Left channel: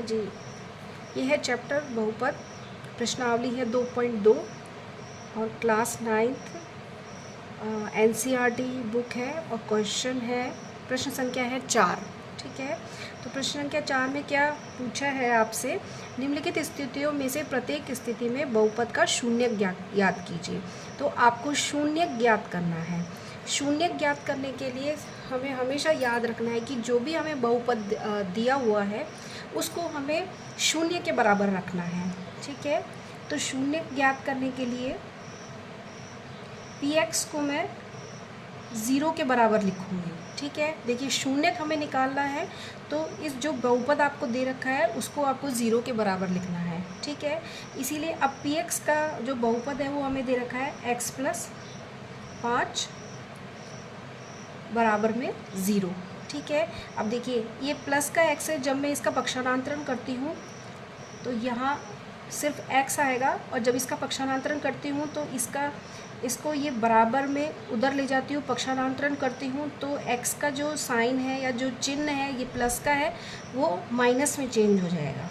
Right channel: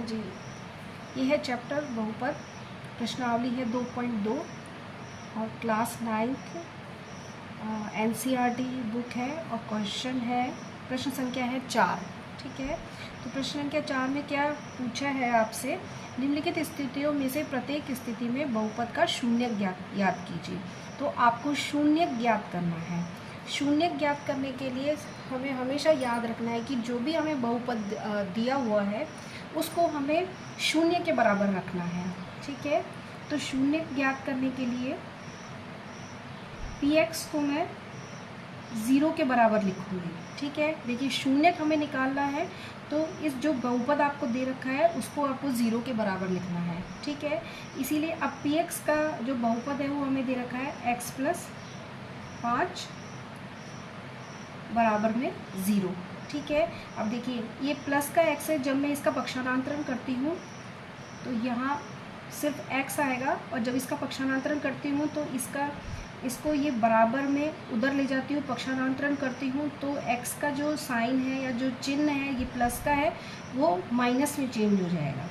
हाँ जी, ये है चैप्टर बहुपद, प्रश्नावली है 2.2 और क्लास 9th NCERT बुक है और क्वेश्चन है, प्रश्न संख्या है 4। ठीक है, तो प्रश्न संख्या 4 में क्या पूछा है आपसे, निम्नलिखित स्थितियों में से प्रत्येक स्थिति में बहुपद का शून्य ज्ञात कीजिए। तो आपको शून्य ज्ञात करना है। शून्य ज्ञात करने के लिए हमें हमेशा याद रखना है कि जो भी हमें बहुपद दिया हुआ है उसको हमें शून्य के बराबर रखना है। ठीक है, तो शून्य ज्ञात करने के लिए px को मैं 0 के बराबर लिखूँगी। ठीक है, देखिए शून्य हमें निकालना है तो इस जो बहुपद आपको दे रखा है उसको आपको 0 के बराबर लिखना है। ठीक है, इसीलिए अब px का जो बहुपद है वो हमें दे रखा है x + 5 बराबर में 0। ठीक है, अब देखिए ये प्लस का x है, जब मैं इसका पक्षांतरण करती हूँ तो यहाँ सिर्फ x आएगा और जब इसका पक्षांतरण करती हूँ तो इसको ये बराबर में उधर ले जाती हूँ, पक्षांतरण करती हूँ तो x का जो साइन है या जो चिन्ह है ये प्लस का है वो माइनस में चेंज हो जाएगा,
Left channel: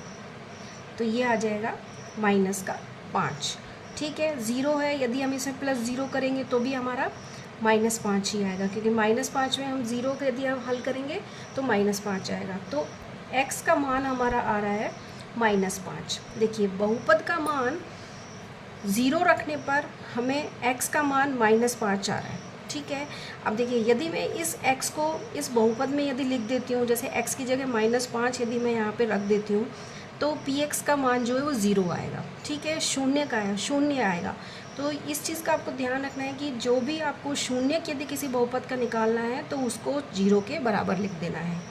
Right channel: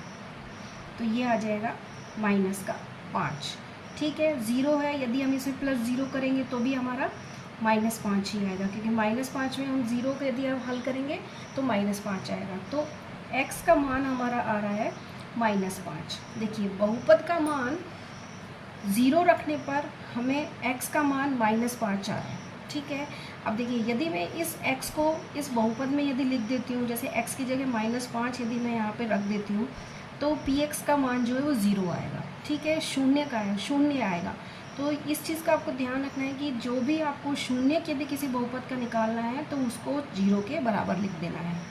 तो ये आ जाएगा -5। ठीक है, 0 है, यदि हम इसमें +0 करेंगे तो भी हमारा -5 ही आएगा, क्योंकि -5 में हम 0 को यदि हम हल करेंगे तो -5 आएगा। तो x का मान हमारा आ रहा है -5। देखिए बहुपद का मान 0 रखने पर हमें x का मान -5 आ रहा है। ठीक है, अब देखिए यदि मैं इस x को इस बहुपद में यदि लिख देती हूँ, जैसे x की जगह -5 यदि मैं यहाँ पे रख देती हूँ तो px का मान जो है वो 0 आएगा। ठीक है, शून्य आएगा। तो इस चीज़ का आपको ध्यान रखना है कि जो भी आपको शून्य यदि किसी बहुपद का निकालना है तो उसको 0 के बराबर लिख देना है।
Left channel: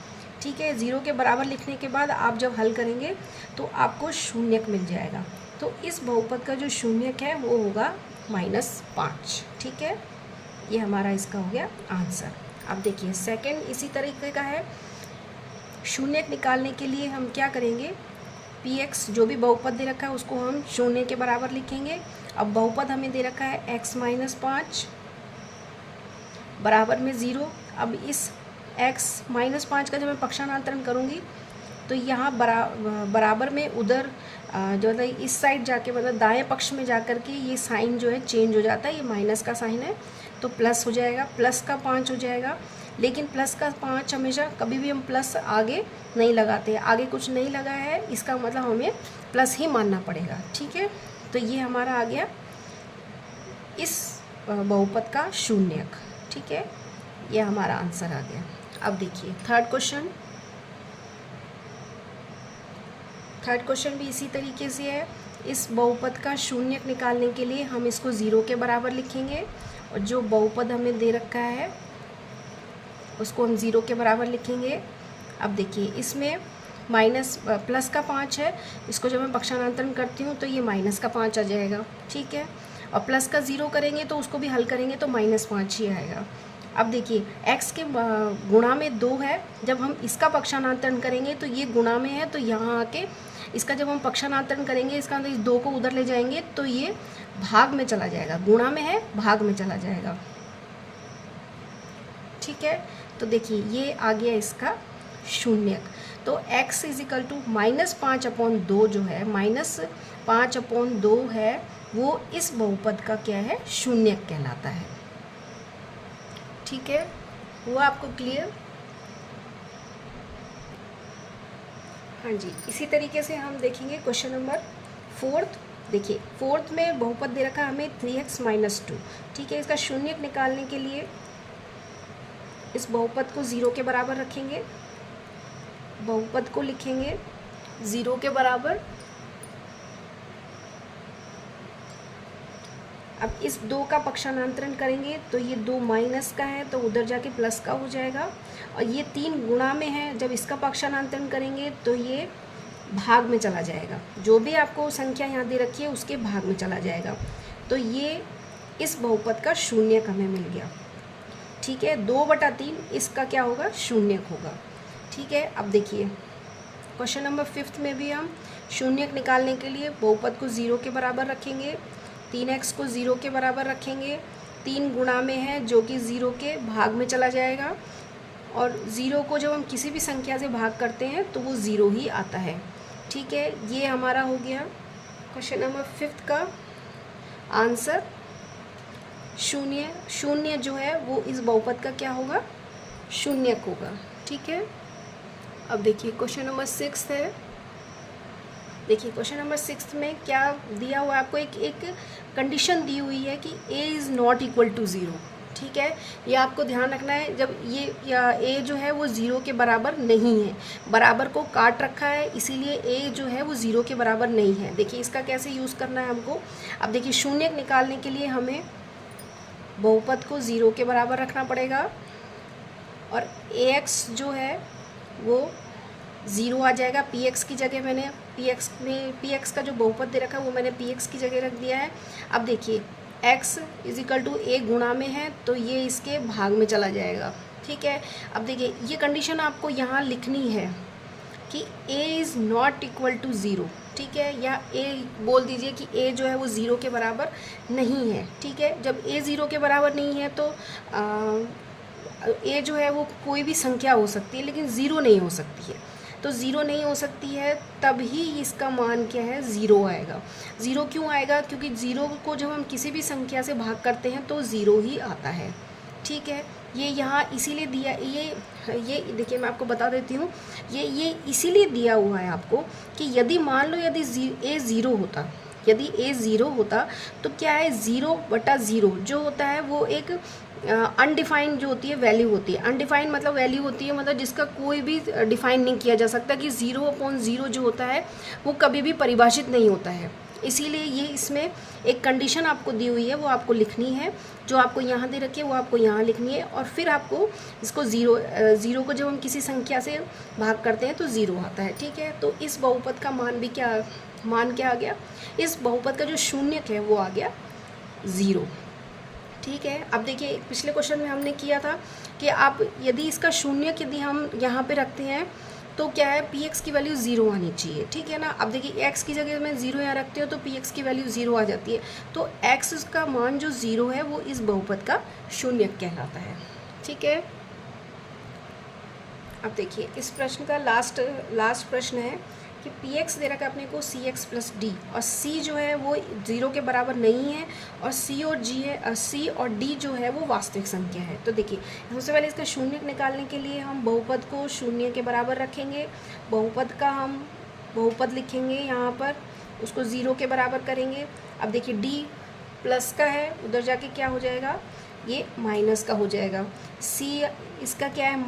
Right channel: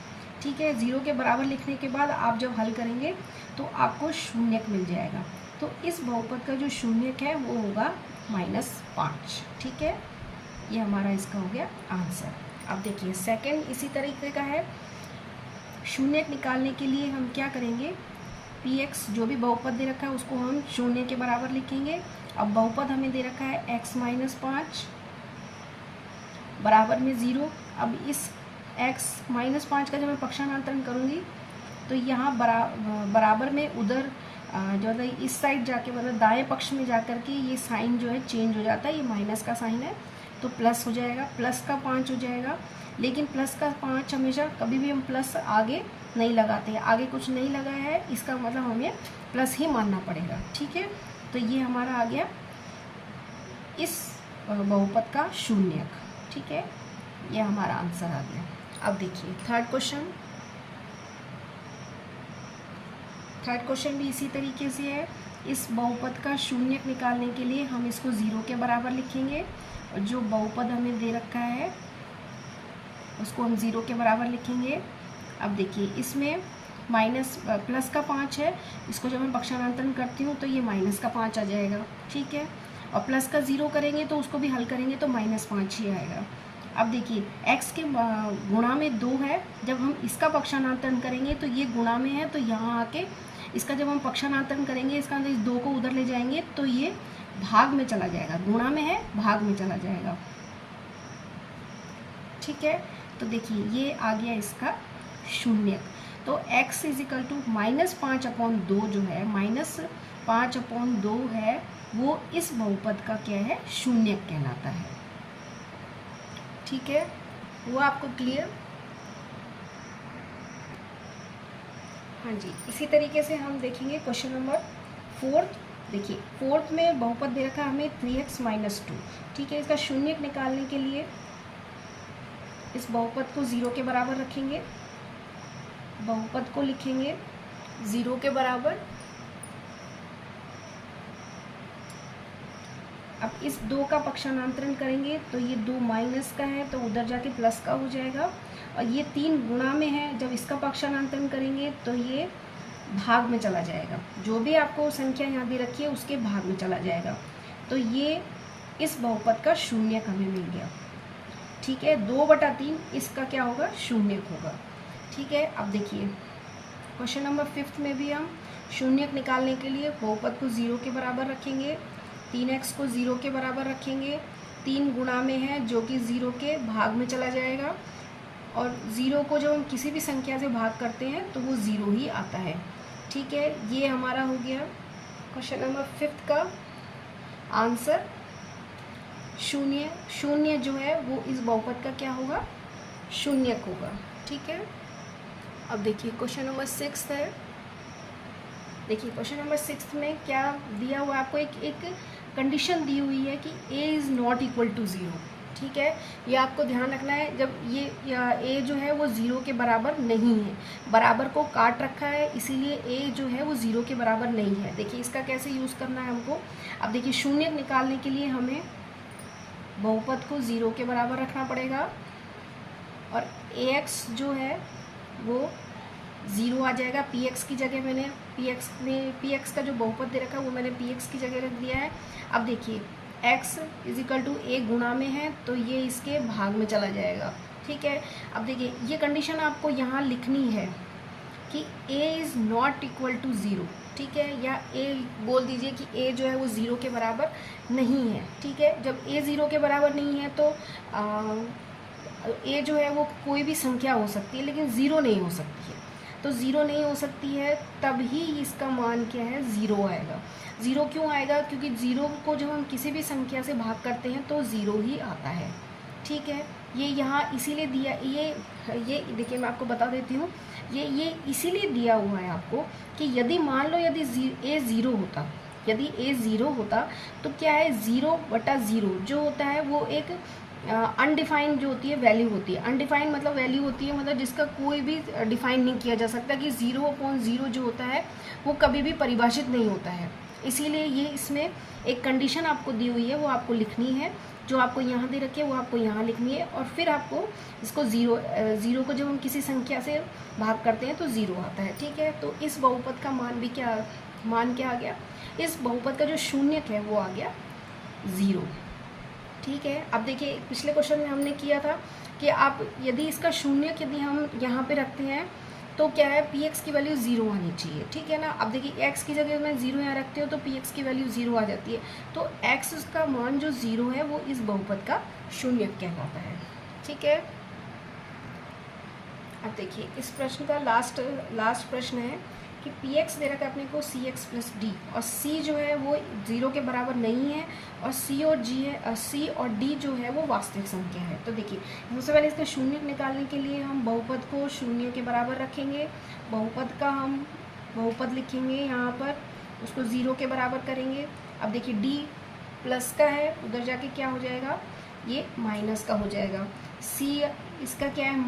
ठीक है, 0 के बराबर लिखने के बाद आप जब हल करेंगे तो आपको शून्यक मिल जाएगा। तो इस बहुपद का जो शून्यक है वो होगा -5। ठीक है, ये हमारा इसका हो गया आंसर। अब देखिए सेकंड इसी तरीके का है। शून्यक निकालने के लिए हम क्या करेंगे, px जो भी बहुपद दे रखा है उसको हम शून्य के बराबर लिखेंगे। अब बहुपद हमें दे रखा है x - 5 बराबर में 0। अब इस x - 5 का जब मैं पक्षांतरण करूँगी तो यहाँ बराबर में उधर जो है इस साइड जाके मतलब दाएं पक्ष में जाकर के ये साइन जो है चेंज हो जाता है, ये माइनस का साइन है तो प्लस हो जाएगा, प्लस का 5 हो जाएगा। लेकिन प्लस का 5 हमेशा कभी भी हम प्लस आगे नहीं लगाते, आगे कुछ नहीं लगाया है इसका मतलब हमें प्लस ही मानना पड़ेगा। ठीक है, तो ये हमारा आ गया इस बहुपद का शून्यक। ठीक है, ये हमारा आंसर आ गया। अब देखिए थर्ड क्वेश्चन भी इसी तरीके से है। इस बहुपद का शून्यक निकालने के लिए हम इसको 0 के बराबर लिखेंगे और जो बहुपद हमें दे रखा है उसको हम 0 के बराबर लिखेंगे। अब देखिए इसमें प्लस का 5 है, इसको जब मैं पक्षांतरण करती हूँ तो ये -5 आ जाएगा। ठीक है, और प्लस का 0 करेंगे तो उसको भी हल करेंगे तो -5 ही आएगा। अब देखिए x के गुणा में 2 है, जब हम इसका पक्षांतरण करेंगे तो ये गुणा में है तो यहाँ आके इसका जब हम पक्षांतरण करेंगे इसका इस 2 को उधर ले जाएंगे तो ये भाग में चला जाएगा, गुणा में है भाग में चला जाएगा। ठीक है, तो देखिए ये आ गया इसका शून्यक। तो x = -5/2 जो है -5/2 है वो इस बहुपद का क्या है, शून्यक कहलाता है। ठीक है, हुआ आपको क्लियर? हाँ जी, इसी तरीके से हम देखेंगे क्वेश्चन नंबर 4। देखिए 4 में बहुपद दे रखा है हमें 3x - 2। ठीक है, इसका शून्यक निकालने के लिए इस बहुपद को 0 के बराबर रखेंगे, बहुपद को लिखेंगे 0 के बराबर। अब इस 2 का पक्षांतरण करेंगे तो ये 2 माइनस का है तो उधर जाके प्लस का हो जाएगा, और ये 3 गुणा में है, जब इसका पक्षांतरण करेंगे तो ये भाग में चला जाएगा, जो भी आपको संख्या यहाँ दे रखी है उसके भाग में चला जाएगा। तो ये इस बहुपद का शून्यक हमें मिल गया। ठीक है, 2/3 इसका क्या होगा, शून्यक होगा। ठीक है, अब देखिए क्वेश्चन नंबर 5 में भी हम शून्यक निकालने के लिए बहुपद को 0 के बराबर रखेंगे, 3x को 0 के बराबर रखेंगे, 3 गुणा में है जो कि 0 के भाग में चला जाएगा, और 0 को जब हम किसी भी संख्या से भाग करते हैं तो वो 0 ही आता है। ठीक है, ये हमारा हो गया क्वेश्चन नंबर 5 का आंसर। शून्य, शून्य जो है वो इस बहुपद का क्या होगा, शून्यक होगा। ठीक है, अब देखिए क्वेश्चन नंबर 6 है। देखिए क्वेश्चन नंबर 6 में क्या दिया हुआ है आपको, एक कंडीशन दी हुई है कि a is not equal to 0। ठीक है, ये आपको ध्यान रखना है, जब ये a जो है वो 0 के बराबर नहीं है, बराबर को काट रखा है, इसीलिए a जो है वो 0 के बराबर नहीं है। देखिए इसका कैसे यूज़ करना है हमको। अब देखिए शून्य निकालने के लिए हमें बहुपद को 0 के बराबर रखना पड़ेगा और ax जो है वो 0 आ जाएगा। px की जगह मैंने px का जो बहुपद दे रखा है वो मैंने px की जगह रख दिया है। अब देखिए x is equal to a गुणा में है तो ये इसके भाग में चला जाएगा। ठीक है, अब देखिए ये कंडीशन आपको यहाँ लिखनी है कि a is not equal to 0। ठीक है, या a बोल दीजिए कि a जो है वो 0 के बराबर नहीं है। ठीक है, जब a 0 के बराबर नहीं है तो a जो है वो कोई भी संख्या हो सकती है लेकिन 0 नहीं हो सकती है। तो 0 नहीं हो सकती है तभी इसका मान क्या है, 0 आएगा। 0 क्यों आएगा, क्योंकि 0 को जब हम किसी भी संख्या से भाग करते हैं तो 0 ही आता है। ठीक है, ये यहाँ इसीलिए दिया, ये देखिए मैं आपको बता देती हूँ, ये इसीलिए दिया हुआ है आपको कि यदि मान लो यदि a 0 होता, यदि a 0 होता तो क्या है, 0/0 जो होता है वो एक अनडिफाइंड जो होती है वैल्यू होती है। अनडिफाइंड मतलब वैल्यू होती है मतलब जिसका कोई भी डिफाइन नहीं किया जा सकता, कि 0/0 जो होता है वो कभी भी परिभाषित नहीं होता है। इसीलिए ये इसमें एक कंडीशन आपको दी हुई है, वो आपको लिखनी है, जो आपको यहाँ दे रखी है वो आपको यहाँ लिखनी है, और फिर आपको इसको 0 को जब हम किसी संख्या से भाग करते हैं तो 0 आता है। ठीक है, तो इस बहुपद का मान क्या आ गया, इस बहुपद का जो शून्यक है वो आ गया 0। ठीक है, अब देखिए पिछले क्वेश्चन में हमने किया था कि आप यदि इसका शून्यक यदि हम यहाँ पे रखते हैं तो क्या है, px की वैल्यू 0 आनी चाहिए। ठीक है ना, अब देखिए x की जगह में 0 यहाँ रखते हो तो px की वैल्यू 0 आ जाती है, तो x का मान जो 0 है वो इस बहुपद का शून्यक कहलाता है। ठीक है, अब देखिए इस प्रश्न का लास्ट प्रश्न है कि px दे रखा है अपने को cx प्लस d, और c जो है वो 0 के बराबर नहीं है, और c और d जो है वो वास्तविक संख्या है। तो देखिए सबसे पहले इसका शून्यक निकालने के लिए हम बहुपद को 0 के बराबर रखेंगे, बहुपद का हम बहुपद लिखेंगे यहाँ पर, उसको 0 के बराबर करेंगे। अब देखिए d प्लस का है, उधर जाके क्या हो जाएगा, ये माइनस का हो जाएगा। c इसका क्या है,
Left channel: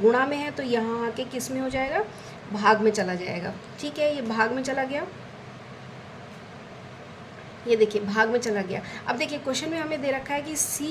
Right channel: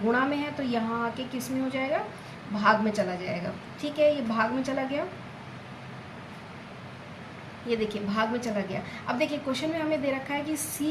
गुणा में है, तो यहाँ आके किस में हो जाएगा, भाग में चला जाएगा। ठीक है, ये भाग में चला गया, ये देखिए भाग में चला गया। अब देखिए क्वेश्चन में हमें दे रखा है कि c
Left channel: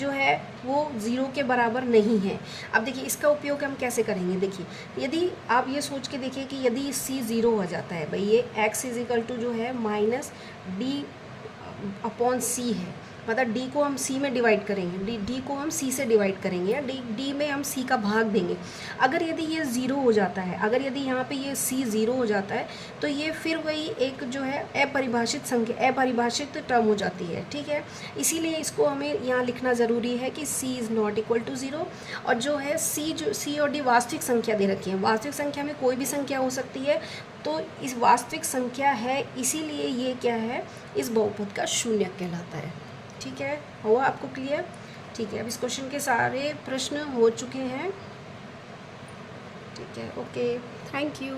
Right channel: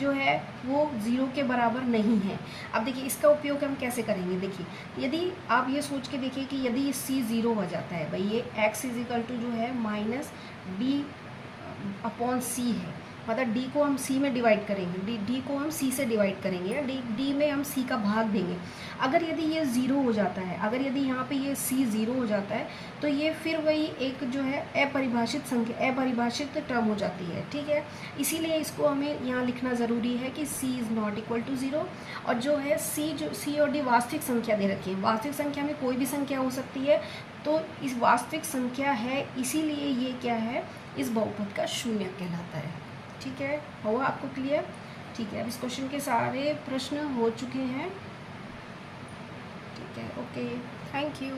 जो है वो 0 के बराबर नहीं है। अब देखिए इसका उपयोग हम कैसे करेंगे, देखिए यदि आप ये सोच के देखिए कि यदि c 0 हो जाता है, भाई ये x इज इक्वल टू जो है -d/c है, मतलब d को हम c में डिवाइड करेंगे, d को हम c से डिवाइड करेंगे, या d में हम c का भाग देंगे। अगर यदि ये 0 हो जाता है, अगर यदि यहाँ पे ये c 0 हो जाता है तो ये फिर वही एक जो है अपरिभाषित टर्म हो जाती है। ठीक है, इसीलिए इसको हमें यहाँ लिखना ज़रूरी है कि c is not equal to 0, और जो है c और d वास्तविक संख्या दे रखी है। वास्तविक संख्या में कोई भी संख्या हो सकती है, तो इस वास्तविक संख्या है, इसीलिए ये क्या है, इस बहुपद का शून्यक कहलाता है। ठीक है, हुआ आपको क्लियर। ठीक है, अब इस क्वेश्चन के सारे प्रश्न हो चुके हैं। ठीक है, ओके, थैंक यू।